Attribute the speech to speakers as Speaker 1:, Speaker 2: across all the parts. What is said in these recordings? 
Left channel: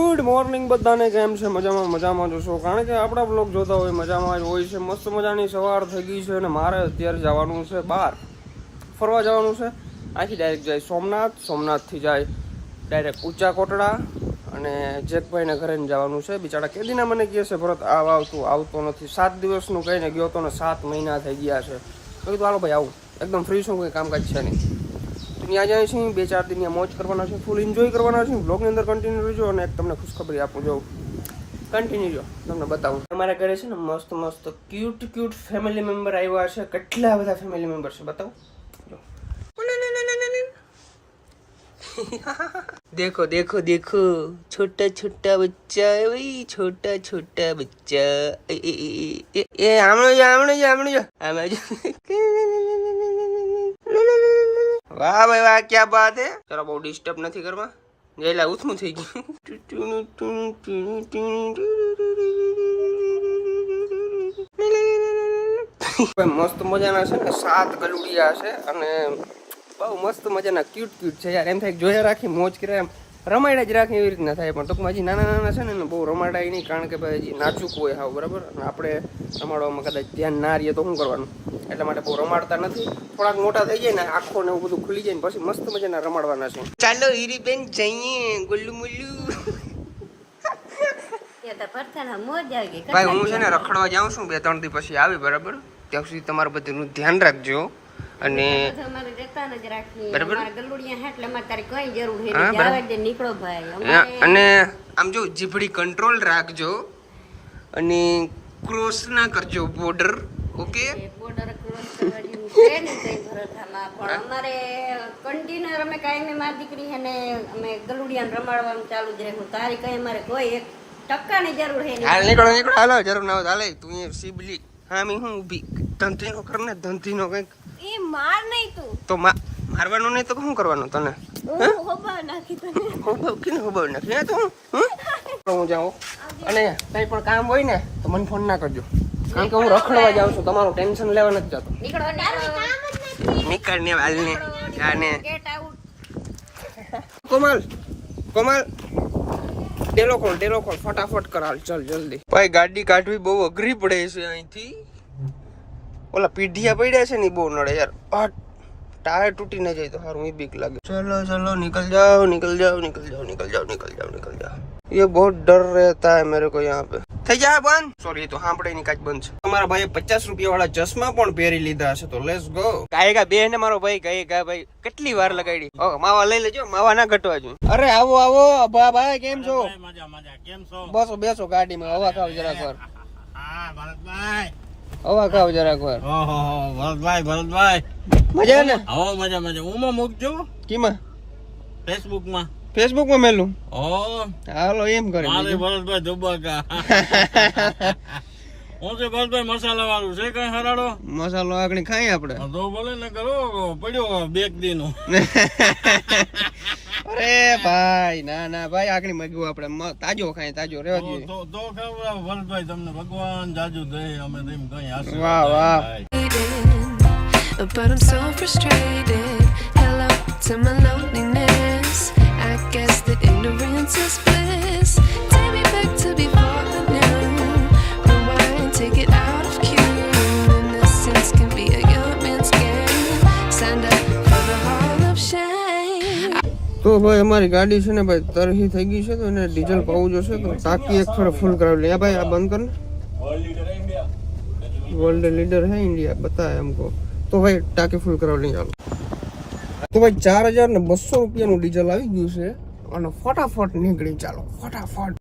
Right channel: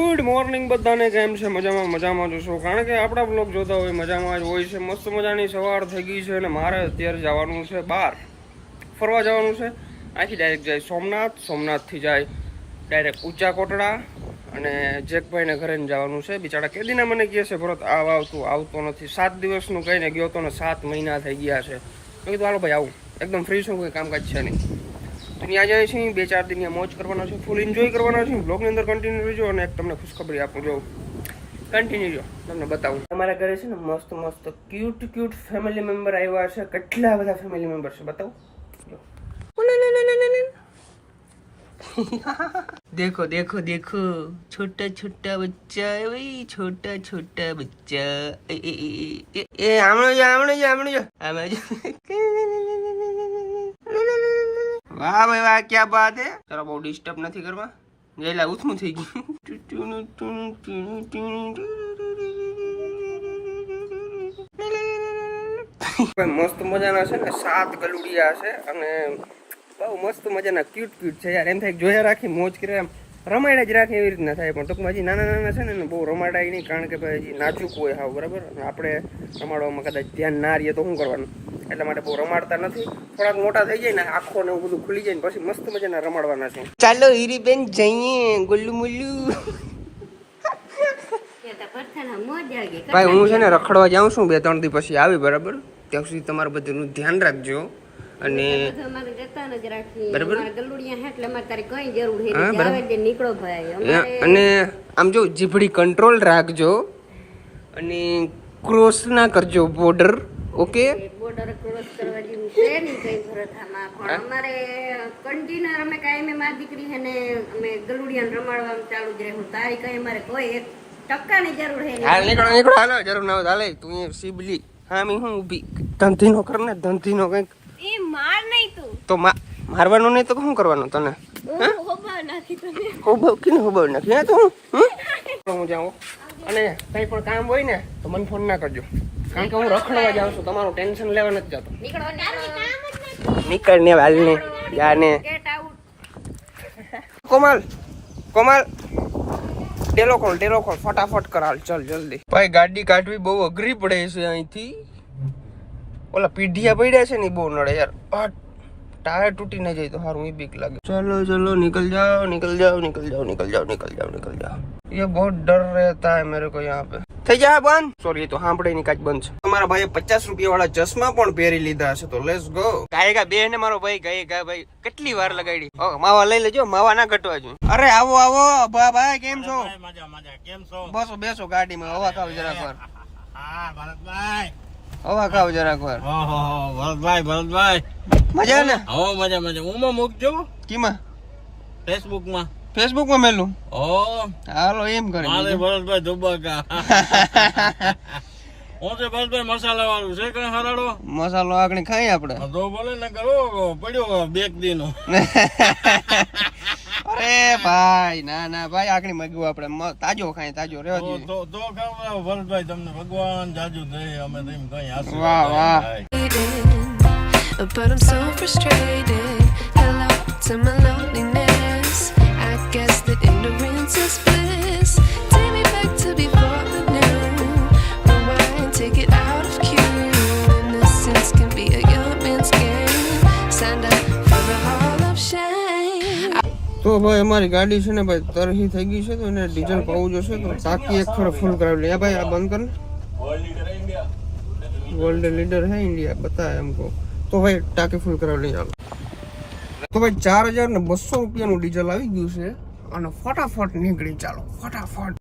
Speaker 1: Good morning બધાને, કેમ છે? મજામાં મજામાં જોશો કારણ કે આપણા બ્લોગ જોતા હોય, મજામાં જ હોય છે. મસ્ત મજાની સવાર થઈ ગઈ છે અને મારે અત્યારે જવાનું છે બહાર. ફરવા જવાનું છે. આખી ડાયરેક્ટ જાય સોમનાથ, સોમનાથથી જાય ડાયરેક્ટ ઊંચા કોટડા અને જેકભાઈને ઘરે જવાનું છે. બિચારા કેદીના મને કહે છે, ભરત આવ આવતું આવતો નથી. સાત દિવસનું કહીને ગયો તો ને સાત મહિના થઈ ગયા છે. મેં કીધું હાલો ભાઈ, આવું. એકદમ ફ્રી છું, કોઈ કામકાજ છે નહીં. ત્યાં જાય છે, બે ચાર દિન મોજ કરવાના છે ફૂલ એન્જોય કરવાના છે બ્લોગની અંદર કન્ટિન્યુ રહેજો અને એક તમને ખુશખબરી આપું જો કન્ટિન્યુ જો તમને બતાવું. અમારા ઘરે છે ને મસ્ત મસ્ત ક્યુટ ક્યુટ ફેમિલી મેમ્બર આવ્યા છે, કેટલા બધા ફેમિલી મેમ્બર છે, બતાવું? દેખો દેખો દેખો, છોટા છોટા બચ્ચા ભાઈ છોટા છોટા બચ્ચા, એ આમણો જો આમણો જો આમણો જો આમાં જો. વાહ ભાઈ, વાહ, ક્યાં બાત હે? તારા બહુ ડિસ્ટર્બ નથી કરવા? જેલા ઉથમું થઈ ગયું. મસ્ત મજાના છે ને, સાત ગલુડિયા છે અને બહુ મસ્ત મજાના ક્યુટ ક્યુટ છે યાર. એમ થાય જોયા રાખી, મોજ કરે એમ. રમાડા જ રાખે એવી રીતના થાય. પણ ટૂંકમાં હજી નાના નાના છે ને એને બહુ રમાડાય નહીં કારણ કે ભાઈ હજી નાજુક હોય હાવ બરાબર? અને આપણે રમાડવામાં કદાચ ધ્યાન ના રહીએ તો શું કરવાનું? એટલા માટે બહુ રમાડતા નથી. થોડાક મોટા થઈ જાય ને આખો ને એવું બધું ખુલી જાય ને પછી મસ્ત મજાના રમાડવાના છે. ચાલો હીરીબેન જઈએ. ગુલ્લુ મુલ્લુ. ભાઈ હું છે ને રખડવા જાઉં છું બે ત્રણ દિવસ પછી આવી બરાબર? ત્યાં સુધી તમારું બધું ધ્યાન રાખજો. અને બરાબર? હા, બરાબર. અને આમ જો જીભડી કંટ્રોલ રાખજો અને ક્રોસ ના કરજો બોર્ડર ઓકે
Speaker 2: બોર્ડર ક્રોસ કરવાની છે નહીં કઈ ભરથામાં પણ અમારે કન્ટિન્યુ અમે કાયમી મારી દીકરી છે અમે ગલુડિયાને રમાડવાનું ચાલુ જ રહ્યું તારી કઈ અમારે કોઈ એક ટકાની જરૂર છે નહીં.
Speaker 1: હાલ નીકળો નીકળો. હાલો જરૂર ના હાલે. તું સીબલી હા મી હું ઊભી? ધંધીનો કર ને ધંધીનો કંઈક.
Speaker 2: એ માર નહીં તું.
Speaker 1: તો મા મારવાનું નહીં તો શું કરવાનું તને?
Speaker 2: હું? હોબા નાખી તને.
Speaker 1: કે હોબવ નથી હા તું? હું જાઉં. અને કંઈ પણ કામ હોય ને તો મને ફોન ના કરજો. કારણ કે હું રખડવા જાઉં છું તમારું ટેન્શન લેવા નથી જતો.
Speaker 2: નીકળો
Speaker 1: ને હાલ ને જા ને
Speaker 2: ગેટ આઉટ
Speaker 1: કોમલ કોમલ. ટેલો ખોલ ટેલો ખોલ ફટાફટ કરાલ, ચલ, જલ્દી. ભાઈ, ગાડી કાઢવી બહુ અઘરી પડે છે અહીંથી. ઓલા પીઢિયા પડ્યા છે ને બહુ નડે યાર. ટાયર તૂટી ના જાય તો સારું એ બીક લાગે. ચલો ચલો, નીકળ જાઓ નીકળ જાઓ નીકળ જાઓ નીકળ જાઓ નીકળ જાઓ નીકળ જાઓ. ये बहुत डर रहता है मेरे को यहाँ पे થઈ જાય બંધ સોરી એ તો સાંભળે ની કાચ બંધ છે તમારા ભાઈએ પચાસ રૂપિયા વાળા ચશ્મા પણ પહેરી લીધા છે તો લેટ્સ ગો ગાયગા બે ને મારો ભાઈ ગાયગા ભાઈ કેટલી વાર લગાડી ઓ માવા લઈ લેજો માવા ના ઘટવા જોઈએ અરે આવો આવો ભા ભાઈ કેમ છો
Speaker 3: મજા મજા કેમ છો
Speaker 1: બસો બેસો ગાડીમાં હવા ખાવ જરાક વાર
Speaker 3: હા ભરતભાઈ
Speaker 1: હવા ખાવ જરાક વાર
Speaker 3: ઓહો ભરતભાઈ ભરતભાઈ
Speaker 1: મજા ને
Speaker 3: હો મજા મજા ઉમાં મૂકજો
Speaker 1: કીમાં
Speaker 3: ફેસબુક માં
Speaker 1: ફેસબુકમાં મેલું.
Speaker 3: ઓ.
Speaker 1: હાલો એમ કરે
Speaker 3: મારે ભરતભાઈ ધુબાકા હું છે ભરતભાઈ મસાલા વાળું છે કઈ હરાડો
Speaker 1: મસાલો આગળ ખાઈ આપણે.
Speaker 3: તો ભલે ને કરો પડ્યો બેક દી
Speaker 1: અરે ભાઈ ના ના ભાઈ આગળ મગ્યું આપણે. તાજો ખાઈ તાજો રેવા દઈએ.
Speaker 3: તો તો ખબર ભરતભાઈ તમને ભગવાન જાજુ દે અમે તેમ કઈ આશીર્વાદ
Speaker 1: વાહ, વાહ.
Speaker 4: But I'm so frustrated. Hello to my loneliness. guess that ignorance is bliss. Take me back to before the noon. Rewind, take it out of cue. Innocence can be a young man's game. Signed up for the hall of shame.
Speaker 1: તો ભાઈ અમારી ગાડી છે ને ભાઈ તરહી થઈ ગઈ છે તો એને ડીઝલ પાવું જોશે તો ટાંકી એક થોડો ફૂલ કરાવી લે ભાઈ આ બંધ કર વર્લ્ડ લીડર હે ઇન્ડિયા બતા એમ કહો તો ભાઈ ટાંકી ફૂલ કરાવી લઈ ચાલો તો ભાઈ ચાર હજાર ને બસો રૂપિયાનું ડીઝલ આવી ગયું છે અને ફટાફટ નીકળી ચાલો. ફટાફટ.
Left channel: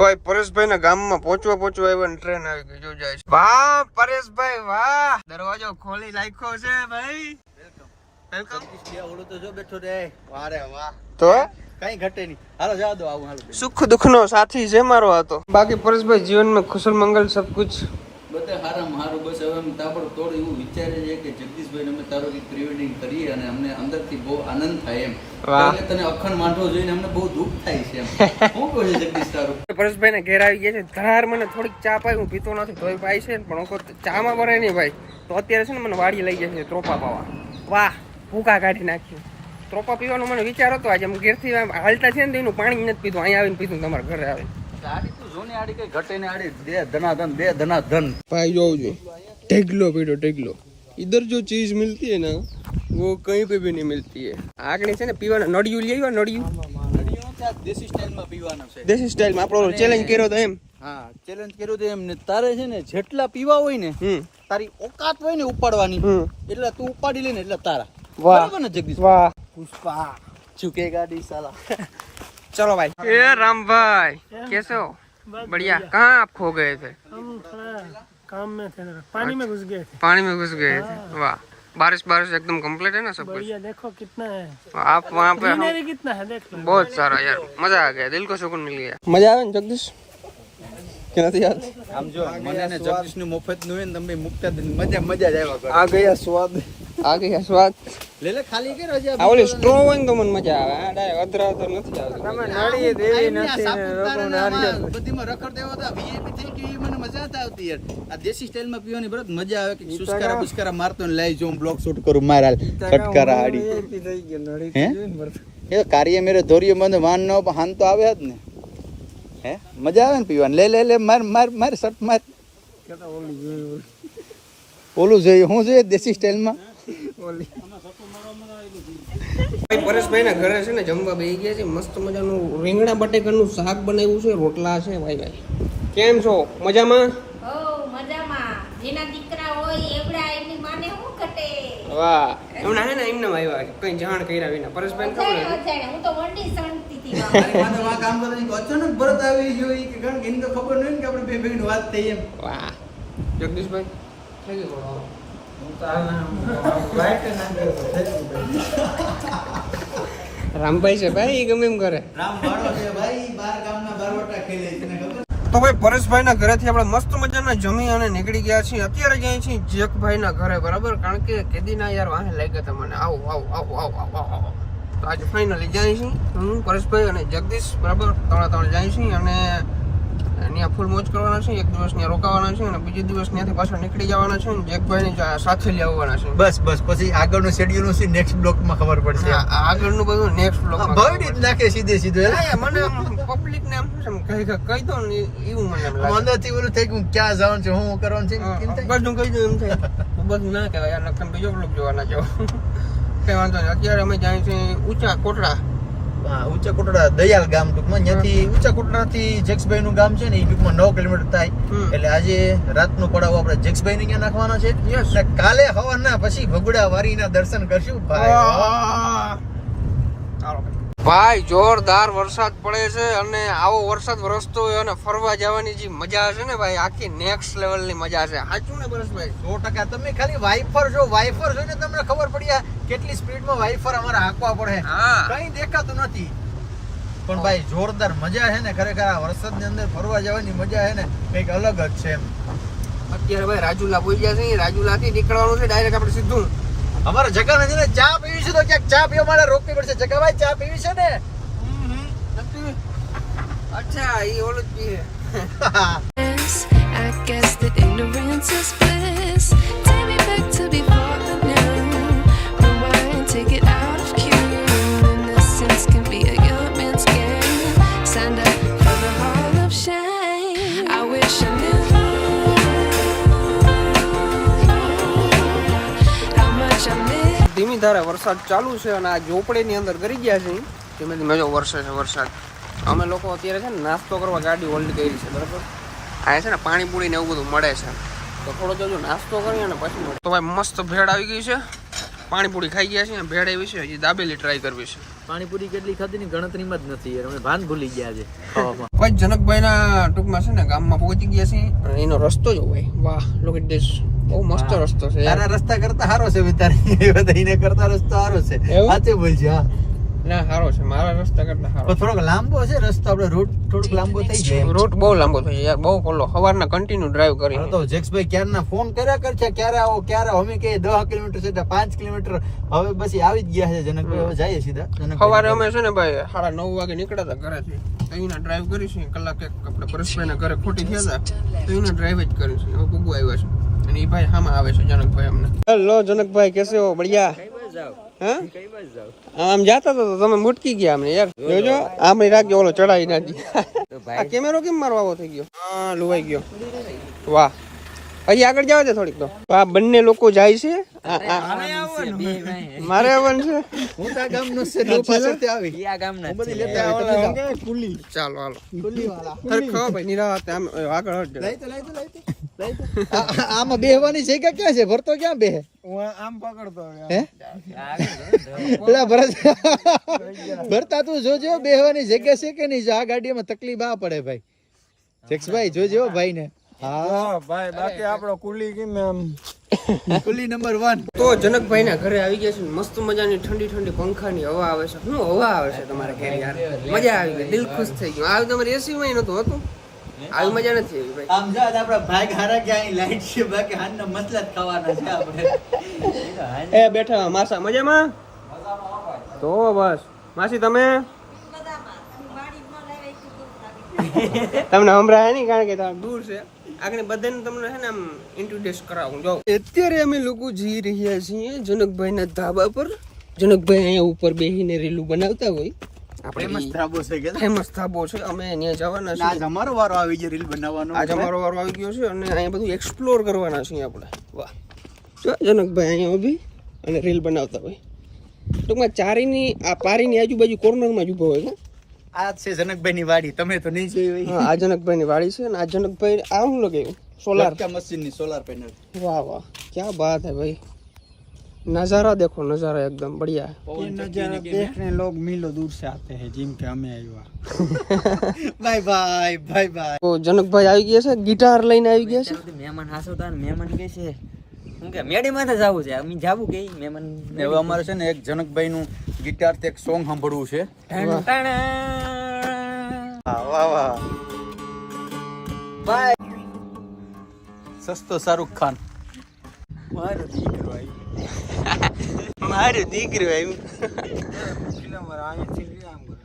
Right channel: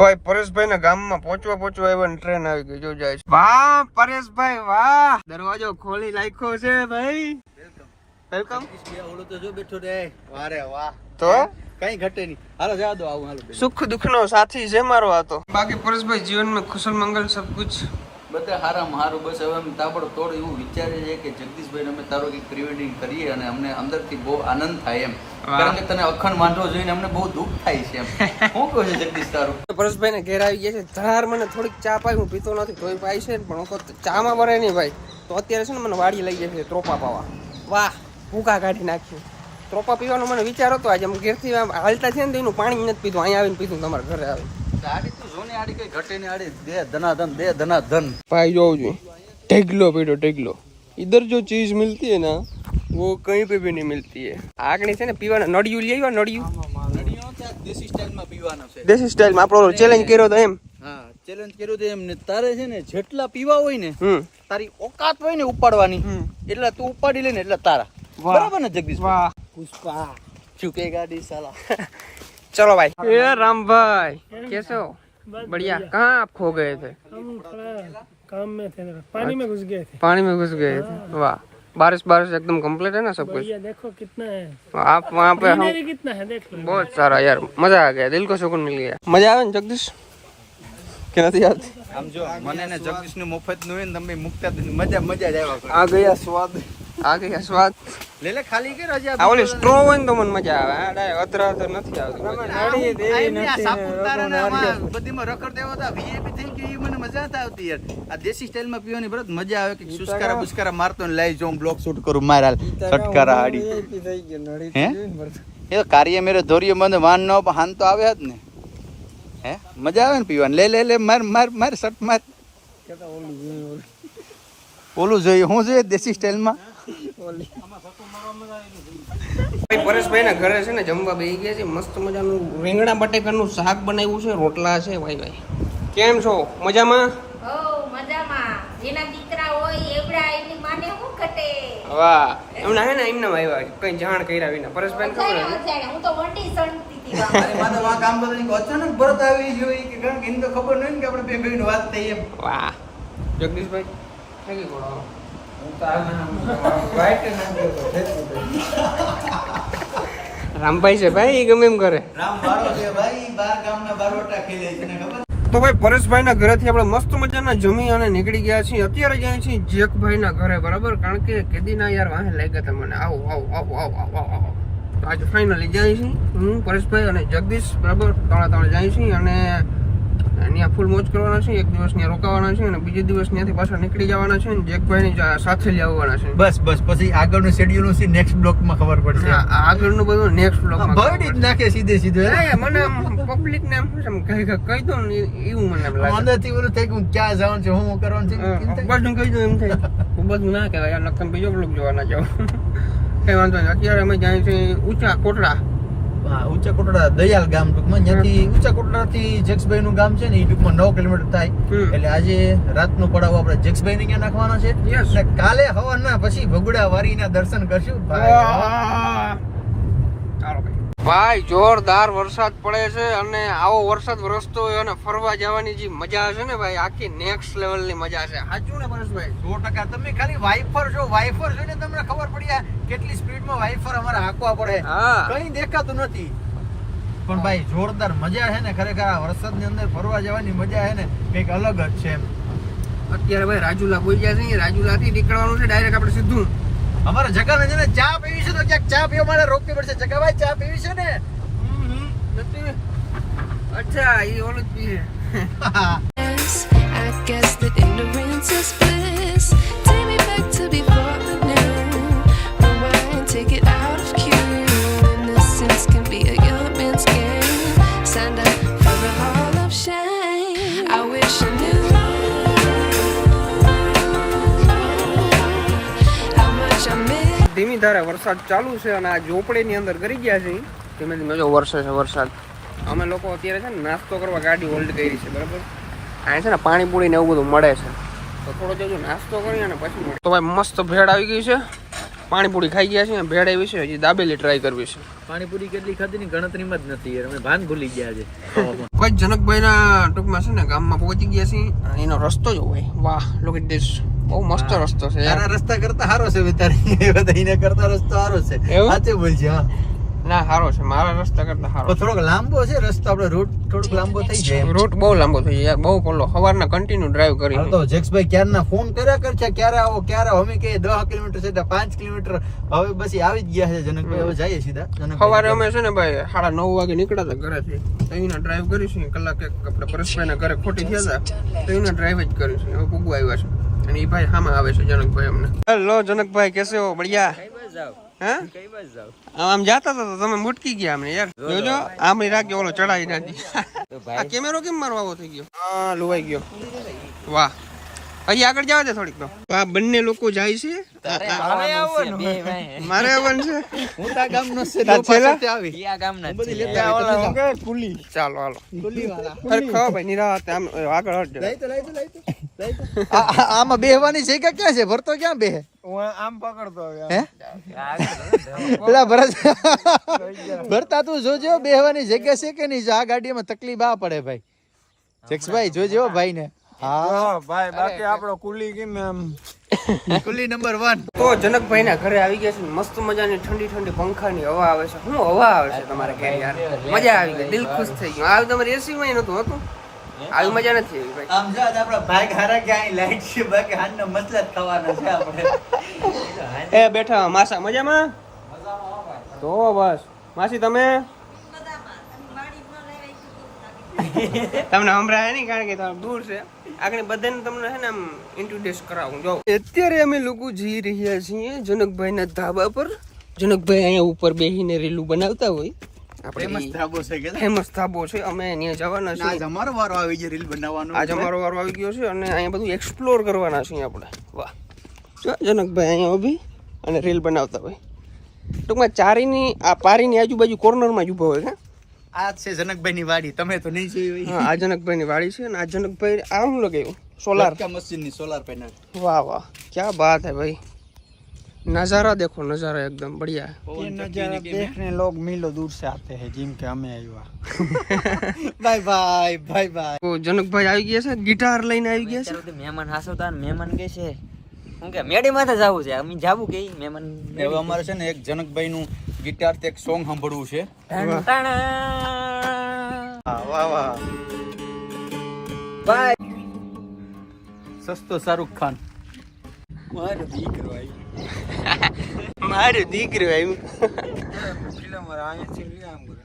Speaker 1: ભાઈ પરેશભાઈ ના ગામમાં પહોંચવા પહોંચવા આવ્યા ટ્રેન આવી ગઈ જો જાય વાહ પરેશભાઈ વાહ. દરવાજો ખોલી નાખ્યો છે ભાઈ. વેલકમ
Speaker 5: તો? જો બેઠો રે વારે વાહ
Speaker 1: તો
Speaker 5: કઈ ઘટે નહીં. હાલો જવા આવું
Speaker 1: સુખ દુઃખ નો સાથી છે મારો હતો બાકી પરેશભાઈ જીવનમાં કુશલ મંગલ સબ કુછ.
Speaker 6: બધા હારામાં હારું બસ હવે એમ તાબડતોડ એવું વિચારે છે કે જગદીશભાઈ અમે તારો કંઈક પ્રી વેડિંગ કરીએ અને અમને અંદરથી બહુ આનંદ થાય એમ. કારણ કે તને અખંડ વાંઢો જોઈને અમને બહુ દુઃખ થાય છે એમ. શું કહું છે જગદીશ તારું?
Speaker 1: પરેશભાઈ ને ઘેર આવી ગયા છે. ધરાર મને થોડીક ચા પાઈ હું પીતો નથી તોય પાઈ છે પણ હું ચામાં ભરે નહીં ભાઈ. તો અત્યારે છે ને મને વાડી લઈ જાય છે ત્રોપા પાવા. વાહ ભૂકા કાઢી નાખ્યું. ત્રોપા પીવાનો મને વિચાર હતો. આજે આમ ઘેરથી હાલતા છે ને તો એનું પાણી નથી પીધું. અહીંયા આવીને પીધું તમારા ઘરે આવીને.
Speaker 6: આડી તું જોને આડી કઈ ઘટે ને આડી દે ધનાધન દે ધનાધન
Speaker 1: भाई जो जी ढेगलो पीटो ढेगलो इधर जो चीज मिलती है ना वो कहीं पे भी नहीं मिलती है આગળ છે ને પીવાના નડિયું લઈ આવ્યા નડિયું
Speaker 6: દેશી સ્ટાઇલમાં પીવાનો છે
Speaker 1: દેશી સ્ટાઇલમાં આપણો ચેલેન્જ કર્યો તો એમ
Speaker 6: હા ચેલેન્જ કર્યું તો એમ ને તારે છે ને જેટલા પીવા હોય ને
Speaker 1: હમ
Speaker 6: તારી ઓકાત હોય ને ઉપાડવાની
Speaker 1: હમ
Speaker 6: એટલે તું ઉપાડી લે ને એટલે તારા
Speaker 1: વાહ.
Speaker 6: બરાબર ને જગદીશ
Speaker 1: વાહ
Speaker 6: પુષ્પા ચૂકે ગાડી સાલા
Speaker 1: चलो भाई। ए राम भाई कैसे हो? बढ़िया। कहाँ आप खो गए थे?
Speaker 7: काम में थे पानी में घुस गए थे।
Speaker 1: पानी में घुस गए थे? हाँ। वाह। बारिश बारिश एकदम कंप्लीट है ना सब कुछ?
Speaker 7: देखो कितना है।
Speaker 1: आप वहाँ पे हम
Speaker 7: कितना है देख
Speaker 1: बहुत सारा यार मज़ा आ गया दिल को सुकून मिल गया। मज़ा आया जगदीश? કે નથી યાદ
Speaker 6: મને ને જગદીશનું મફતનું હોય ને તમે મુકતા મજા મજા જ આવ્યા કરે.
Speaker 1: આ ગયા સ્વાદ. આ ગયા સ્વાદ?
Speaker 6: લે લે ખાલી કે રજા
Speaker 1: આ ઓલી સ્ટ્રો હોય ને તો મને મજા આવે. આ ડાય અધર અધર નથી આવતી.
Speaker 6: આ એમની આ સાપુતારા ને આમાં બધીમાં રખડ દેવો હતા VIP થઈ ગઈ મને મજા આવતા આવતી યાર. આ દેશી સ્ટાઇલમાં પીવાની બરત મજા આવે. કે સુસ્કારા બુસ્કારા મારતો ને લાઈ જો બ્લોક શૂટ કરું માર હાલ છટકારા હાડી હે? એ તો કાર્ય મેરે ધોરિયો બંધ વાન નો હાન તો આવે જ ને. હે? મજા આવે ને પીવાની? લે લે લે, માર માર માર શર્ટ માર. ઓલું જોઈએ, હું જોઈએ દેશી સ્ટાઇલમાં?
Speaker 1: ભાઈ પરેશભાઈ ના ઘરે છે ને જમવા બેસી ગયા છે. મસ્ત મજાનું રીંગણા બટેકાનું શાક બનાવ્યું છે, રોટલા છે ભાઈ ભાઈ કેમ છો? મજામાં?
Speaker 2: જેના દીકરા હોય એવડા એની માને શું ઘટે?
Speaker 1: વાહ. એમના હે ને એમને આવ્યા. કઈ જાણ કર્યા વિના. પરેશભાઈ ખબર
Speaker 2: અજાણે
Speaker 1: હતી?
Speaker 2: હું તો વંડી સણતી હતી વાહ.
Speaker 6: મારે વાં કામ કરતા નહીં, અચાનક ભરત આવી ગયો કે કારણ કે એની તો ખબર નહીં ને કે આપણે બે ભાઈની વાત થઈ એમ.
Speaker 1: વાહ. જગદીશભાઈ થઈ રામભાઈ છે ભાઈ ગમે એમ કરે.
Speaker 6: રામ વાળો છે ભાઈ બાર ગામના બારવટા ખેલે તને ખબર?
Speaker 1: તો ભાઈ પરેશભાઈ ના ઘરેથી આપણે મસ્ત મજાના જમી અને નીકળી ગયા છીએ. અત્યારે જાય છીએ જેકભાઈ ના ઘરે, બરાબર? કારણ કે કેદીના યાર વાહે લઈ ગયા મને. આવો આવો આવો આવો આવો આવો તો આજે ફાઇનલી જાય છીએ. હું, પરેશભાઈ અને જગદીશ, બરાબર? ત્રણે ત્રણ જાય છીએ અને ત્યાં ફૂલ મોજ કરવાના છે એક દિવસ ત્યાં રોકાવાના છે અને બીજે દિવસ ત્યાંથી પાછા નીકળી જવાના છે અને જેકભાઈની સાથે લઈ આવવાના છે.
Speaker 6: બસ બસ પછી આગળનું શેડ્યુલ છે નેક્સ્ટ બ્લોકમાં ખબર પડશે.
Speaker 1: હા, આગળનું બધું નેક્સ્ટ બ્લોકમાં
Speaker 6: ભગડી જ નાખે સીધે સીધે.
Speaker 1: મને પબ્લિક ને એમ કહી કહી દો ને એવું મને લાગે.
Speaker 6: અંદરથી ઓલું થઈ ગયું ક્યાં જવાનું છે હું કરવાનું છે
Speaker 1: બધું કહી દઉં એમ થાય. હું બધું ના કહેવાય. યાર નકર બીજો બ્લોક જોવાના જાવ કઈ વાંધો નહીં. અત્યારે અમે જાય છે ઊંચા કોટડા.
Speaker 6: હા, ઊંચા કોટડા દયાલ ગામ ટૂંકમાં. ત્યાંથી ઊંચા કોટડાથી જેક્સભાઈ નું ગામ છે ને એ ટૂંકમાં નવ કિલોમીટર થાય. એટલે આજે રાતનો પડાવ આપણે જેક્સભાઈ ને ક્યાં નાખવાનો છે? કાલે હવાના પછી ભગુડા વારીના દર્શન કરશું.
Speaker 1: ભાઈ જોરદાર વરસાદ પડે છે અને આવો વરસાદ વરસતો હોય અને ફરવા જવાની જે મજા છે ને ભાઈ આખી નેક્સ્ટ લેવલની મજા છે. સાચું ને પરેશભાઈ
Speaker 6: સો ટકા. તમે ખાલી વાઇફર છો વાઇફર છો ને તમને ખબર પડી જાય કેટલી સ્પીડમાં વાઇફર અમારે હાંકવા પડે.
Speaker 1: હા.
Speaker 6: કઈ દેખાતું નથી. પણ ભાઈ જોરદાર મજા છે ને ખરેખર આ વરસાદની અંદર ફરવા જવાની મજા છે ને કંઈક અલગ જ છે
Speaker 1: અત્યારે ભાઈ રાજુલા બોલ ગયા છે રાજુલા થી નીકળવાનું છે ડાયરેક્ટ આપણે સીધું.
Speaker 6: અમારે જગા નથી ને ચા પીવી છે તો ક્યાંક ચા પીવા માટે રોકવી પડશે. જગા ભાઈ ચા પીવી છે ને?
Speaker 1: નથી. અચ્છા એ ઓલું જ પીએ. વરસાદ ચાલુ છે અને આ ઝોપડીની અંદર કરી ગયા છે ધીમે ધીમે જો વરસે છે વરસાદ. અમે લોકો અત્યારે છે ને નાસ્તો કરવા ગાડી હોલ્ડ કરી છે બરાબર? આ છે ને પાણીપુરી ને એવું બધું મળે છે. તો થોડો જો નાસ્તો કરીએ અને પછી તો ભાઈ મસ્ત ભેળ આવી ગઈ છે. પાણીપુરી ખાઈ ગયા છે ભેળ આવી છે હજી દાબેલી ટ્રાય કરવી છે.
Speaker 5: પાણીપુરી કેટલી ખાધી ની ગણતરીમાં જ નથી યાર. અમે ભાન ભૂલી ગયા છે.
Speaker 1: કોઈ જનકભાઈના ટૂંકમાં છે ને ગામમાં પહોંચી ગયા છે એનો રસ્તો જો હોય. વાહ લોકેટ ધીસ બહુ મસ્ત રસ્તો છે યાર.
Speaker 6: તારા રસ્તા કરતા સારો છે વિતારી બધાને કરતા રસ્તો સારો છે? સાચે બોલજે હા.
Speaker 1: ના સારો છે. મારા રસ્તા કરતા સારો
Speaker 6: થોડોક લાંબો છે રસ્તો. આપણે રૂટ થોડોક લાંબો થઈ જાય
Speaker 1: રૂટ બહુ લાંબો થઈ જાય. બહુ બોલો. સવારના કન્ટિન્યુ ડ્રાઈવ કરી
Speaker 6: તો જેક્સભાઈ ક્યારના ફોન કર્યા કરશે? છે ક્યારે આવો? ક્યારે? અમે કે દસ કિલોમીટર છે પાંચ કિલોમીટર. હવે બસ આવી જ ગયા છે જનકભાઈ. હવે જઈએ સીધા જનકભાઈ
Speaker 1: છે ને ભાઈ સાડા નવ વાગે નીકળ્યા હતા ઘરેથી. તો અહીંના ડ્રાઈવ કરીશું. કલાક એક આપણે પરેશભાઈના ઘરે ખોટી થયા હતા. તો અહીંના ડ્રાઈવ જ કરીશું. હવે પૂગવા આવ્યા છે. અને એ ભાઈ સામે આવે છે જનકભાઈ અમને. હેલો જનકભાઈ કેસે હો? બઢિયા? હે? આમ જાતા હતા તો તમે મુટકી ગયા અમને યાર. જોજો આમ રાખજો ઓલો ચડાઈ નાખી. આ કેમેરો કેમ મારો આવો થઈ ગયો? હા લુવાઈ ગયો. વાહ. હજી આગળ જાવ છે થોડીક તો. આ બંને લોકો જાય છે. આ- આ- મારે આવવાનું. છે.
Speaker 6: મોટા ગામનો છે
Speaker 1: આ
Speaker 6: લો
Speaker 1: છેલ્લા?
Speaker 6: પાછળથી બધી લેતા આવે, તમે જાઓ.
Speaker 1: ચાલો હાલો. અરે ખાઓ ભાઈ નિરાતે આમ આગળ હટ
Speaker 6: લઈ તો, લઈ તો, લઈ તો, લઈ તો. આ- આ- આમાં બેહવાની જગ્યા ક્યાં છે? ભરતો ક્યાં બેહે?
Speaker 3: આમ પકડતો
Speaker 6: હે? પેલા ભરત ભરતા તું જોજો બેહવાની જગ્યા છે કે નહીં? જો આ ગાડીમાં તકલીફ આ પડે ભાઈ. જેક્સભાઈ જોજો ભાઈ ને હા
Speaker 3: ભાઈ બાકી આપણો કુલી કેમ એમ?
Speaker 6: કુલી નંબર વન
Speaker 1: તો જનકભાઈ ના ઘરે આવી ગયા છે મસ્ત મજાની ઠંડી ઠંડી પંખાની હવા આવે છે. શું હવા આવે છે તમારે ઘેર યાર? મજા આવી ગઈ દિલ ખુશ થઈ ગયું. આવી તમારે એસી માં નતું હતું? આવી મજા નથી આવી ભાઈ.
Speaker 6: આમ જો આપણા ભાઈ હારા કે અહીં લાઈટ છે બાકી હાનના મતલબ ખાવાના છે આપણે.
Speaker 1: એ બેઠા માસા મજામાં? તો બસ. માસી તમે? તમને હમણાં નહીં કારણ કે તમે દૂર છે. આગળ બધાને તમને છે ને આમ ઇન્ટ્રોડ્યુસ કરાવું જો. અત્યારે અમે લોકો જઈ રહ્યા છીએ જનકભાઈના ધાબા પર. જનકભાઈ અહીંયા ઉપર બેસીને રીલું બનાવતા હોય.
Speaker 6: ફેમસ ધાબો છે કે?
Speaker 1: ફેમસ ધાબો છે. અમે અહીંયા જવાના
Speaker 6: આજ અમારો વારો આવી ગયો રીલ બનાવવાનો.
Speaker 1: આજ અમારો વારો આવી ગયો છે અને અહીંયા બધું એક્સપ્લોર કરવાના છીએ આપણે. વાહ. જો જનકભાઈ અહીંયા ઊભી અને રીલ બનાવતા હોય. ટૂંકમાં ચારીની આ પારીની આજુબાજુ કોર્નરમાં જ ઊભો હોય કે
Speaker 6: આ છે જનકભાઈ ની વાડી તમે તો નહીં જોઈ હોય
Speaker 1: હા આ જનકભાઈની વાડી છે અને આ જનકભાઈ આ શું લગાવ્યું સોલાર
Speaker 6: મશીન ની સોલાર પેનલ
Speaker 1: વાહ વાહ ક્યાં બાત है भाई नज़ारा देखो नज़ारा एकदम बढ़िया
Speaker 3: ये नजारा देखने लोग मीलों दूर से आते हैं जिम के हमें आयुआ
Speaker 6: બાય બાય બાય બાય
Speaker 1: તો જનકભાઈ આવી ગયા છે ગિટાર લઈને આવી ગયા છે
Speaker 5: ચાલો તે મહેમાન હાસવતા ને મહેમાન કે છે શું કે મેડી માથે જવું છે. અમે જાવું કે મે મહેમાન
Speaker 6: હવે અમારે છે ને એક જનકભાઈ નું ગિટાર તે એક સોંગ સાંભળવું છે.
Speaker 5: ટણ ટણ.
Speaker 6: વાહ વાહ બાય. સસ્તો શાહરુખ ખાન.
Speaker 3: મારો દીકરો આવી
Speaker 1: મારું દીકરું આવ્યું
Speaker 3: ફિલ્મ અહીંયા થી આમ કરે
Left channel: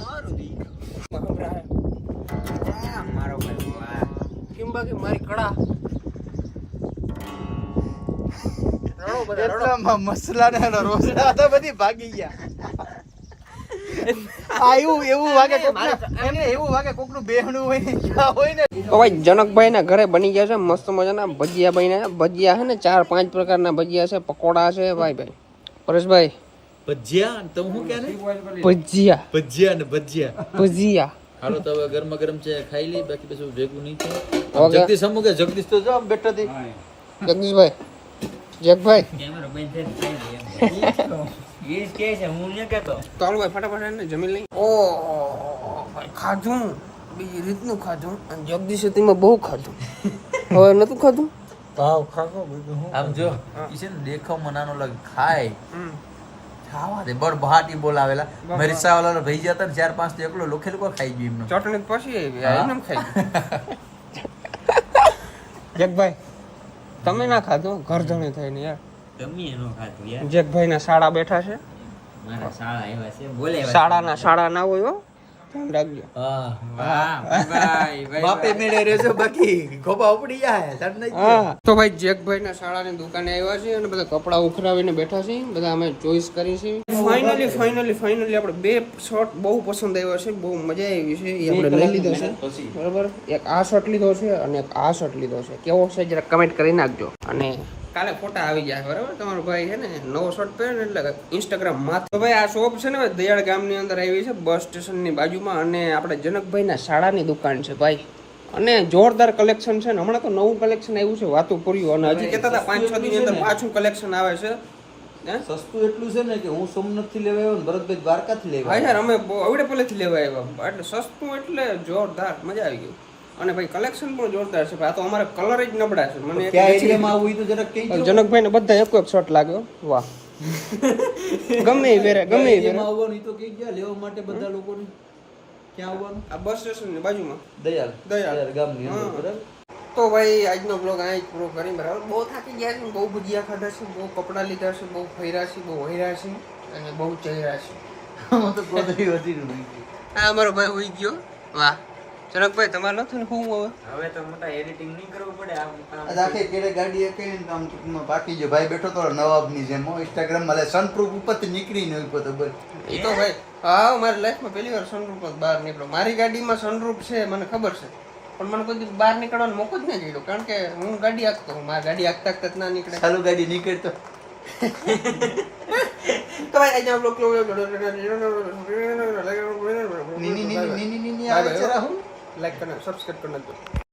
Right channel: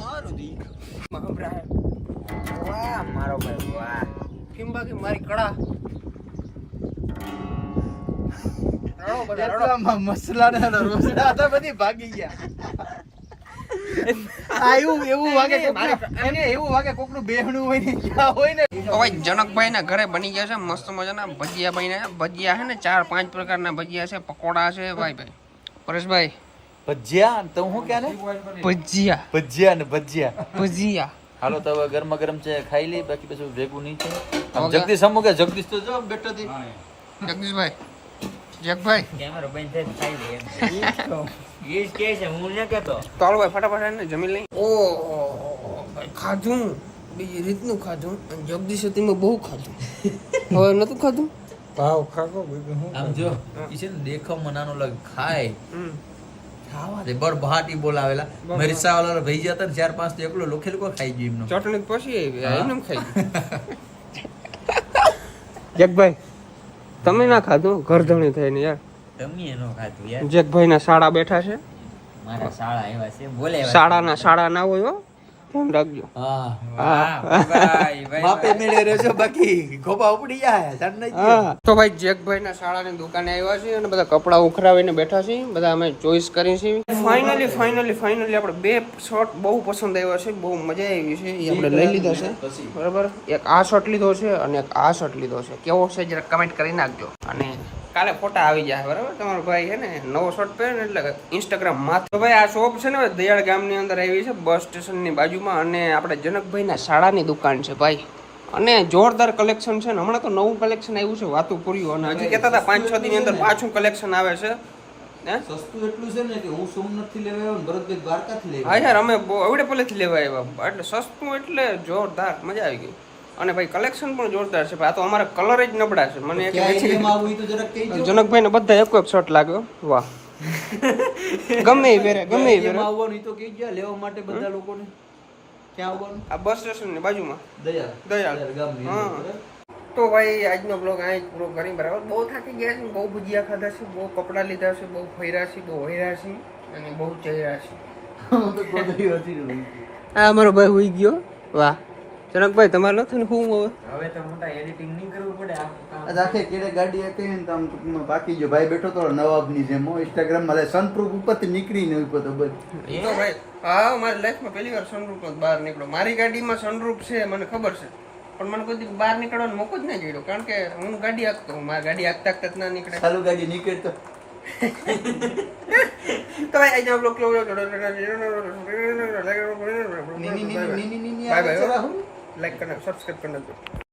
Speaker 3: મારો દીકરો.
Speaker 5: આ મારો ભાઈ વાહ.
Speaker 1: કેમ બાકી મારી કળા?
Speaker 6: મસલા ને રોસડા હતા બધી ભાગી ગયા. આ એવું એવું વાગે કોકનું- એમને એવું વાગે કોકનું બેહણું હોય ને જ્યાં હોય ને.
Speaker 1: તો ભાઈ જનકભાઈ ના ઘરે બની ગયા છે મસ્ત મજાના ભજીયા બન્યા ભજીયા છે ને ચાર પાંચ પ્રકારના ભજીયા છે પકોડા છે ભાઈ ભાઈ. પરેશભાઈ.
Speaker 6: ભજીયા? તો હું ક્યાં ને?
Speaker 1: ભજીયા.
Speaker 6: ભજીયા ને ભજીયા.
Speaker 1: ભજીયા.
Speaker 6: હાલો તો હવે ગરમા ગરમ છે ખાઈ લઈ બાકી પછી ભેગું નહીં છે
Speaker 1: હવે
Speaker 6: જગદીશ અમુક જગદીશ તો જો બેઠા
Speaker 1: જગદીશભાઈ. જગભાઈ.
Speaker 5: કેમેરો બંધ હું ન
Speaker 1: ભાઈ ફટાફટ જમી લઈ ઓ ખાધું બીજી રીતનું ખાધું અને જગદીશ તેમાં બહુ ખાધું હવે નતું ખાધું
Speaker 3: ભાવ ખાકો
Speaker 6: આમ જો ઈ છે ને દેખાવમાં નાનો લાગે ખાય.
Speaker 1: હમ.
Speaker 6: ખાવા દે બળ બહાટી બોલાવેલા. મરીસા રિક્ષાવાળાને ભઈ જતા ને ચાર પાંચ તો એકલો લોખે લોકો ખાઈ ગયું એમનો?
Speaker 1: ચટણી પછી આવી એમને ખાઈ ગયું. જગભાઈ તમે ના ખાધું? ઘરધણી થઈને યાર.
Speaker 5: તમે નો ખાધું યાર.
Speaker 1: જગભાઈ ના શાળા બેઠા છે.
Speaker 5: મારા શાળા આવ્યા છે. બોલે શાળા
Speaker 1: ના શાળા ના હોય. ધ્યાન રાખજો.
Speaker 6: હા.
Speaker 5: વાહ ભાઈ ભાઈ
Speaker 6: બાપે મેળે રહેજો બાકી ગોબા ઉપડી જાય નહીં
Speaker 1: તો ભાઈ જેકભાઈ ના શાળાની દુકાને આવ્યા છે અને બધા કપડા ઉખરાવીને બેઠા છે બધા અમે ચોઈસ કરી છે ફાઇનલી ફાઇનલી ફાઇનલી આપણે બે શર્ટ બહુ પસંદ આવ્યા છે. બહુ મજા આવી છે. એ આપણે લઈ લીધા છે. બરાબર. એક આ શર્ટ લીધો છે અને એક આ શર્ટ લીધો છે. કેવો છે જરા કમેન્ટ કરી નાખજો. અને કાલે ફોટા આવી જાય બરાબર? તમારો ભાઈ છે ને નવો શર્ટ પહેર્યો ને એટલે ઇન્સ્ટાગ્રામમાં તો ભાઈ આ શોપ છે ને દયાળ ગામની અંદર આવી છે બસ સ્ટેશનની બાજુમાં અને આપણે જનકભાઈના શાળાની દુકાન છે ભાઈ. અને જોરદાર કલેક્શન છે ને હમણાં તો નવું કલેક્શન આવ્યું છે વાતું પૂર્યું અને હજી કહેતા હતા પાંચ છ દિનની અંદર પાછું કલેક્શન આવે છે.
Speaker 6: સસ્તું એટલું છે ને કે હું સોમનાથથી લેવા આવ્યો ને ભરતભાઈ દ્વારકા થી લેવા
Speaker 1: હા યાર અમે અવડે પહેલેથી લેવા આવ્યા. એટલે સસ્તું એટલે જોરદાર મજા આવી ગઈ. અને ભાઈ કલેક્શન પણ જોરદાર છે. ભાઈ આ તો અમારા કલર જ નબળા છે. મને જનકભાઈ ને બધા એક એક શર્ટ લાગ્યો વાહ. ગમે એ વેરે ગમે એ પહેરે.
Speaker 6: આવવાનું તો કહી ગયા લેવા માટે બધા લોકોને. ક્યાં આવવાનું?
Speaker 1: આ બસ સ્ટેશનની બાજુમાં.
Speaker 6: દયાળ
Speaker 1: દયાળ.
Speaker 6: ગામની અંદર.
Speaker 1: તો ભાઈ આજનો બ્લોગ અહીં પૂરો કરી બરાબર? બહુ થાકી ગયા છે બહુ ભુજિયા ખાધા છે બહુ કપડાં લીધા છે બહુ ફર્યા છે બહુ વહેર્યા છે અને બહુ ચહેરા છું. આ અમારો ભાઈ હોઈ ગયો વાહ. જનકભાઈ તમારે નતું ને ફોન
Speaker 5: હવે તો મોટા એડિટિંગ નહીં કરવું પડે આ કામ
Speaker 6: આ કેડે ગાડી એ કહીને તો આમ ટૂંકમાં બાકી જે ભાઈ બેઠો તો નવાબની જેમ ઇન્સ્ટાગ્રામમાં સનપ્રૂફ ઉપરથી નીકળીને ઉપર તો બસ
Speaker 1: એ તો ભાઈ હા મારી લાઈફમાં પહેલી વાર સનરૂફ જ બહાર નીકળ્યો મારી ગાડીમાં સનરૂફ છે મને ખબર છે પણ મને કોઈ દી બહાર નીકળવાનો મોકો જ નહીં જોયો કારણ કે હું ગાડી આખતો હું મારી ગાડી આખતા આખતા જ ના નીકળે
Speaker 6: ચાલુ ગાડી નીકળે તો
Speaker 1: તો ભાઈ આજનો બ્લોગ લો બાય બાય ಲೈಕ್ ಕಣ್ಣು ಸಬ್ಸ್ಕ್ರೈಬ್ ಕಣ್ಣಂತು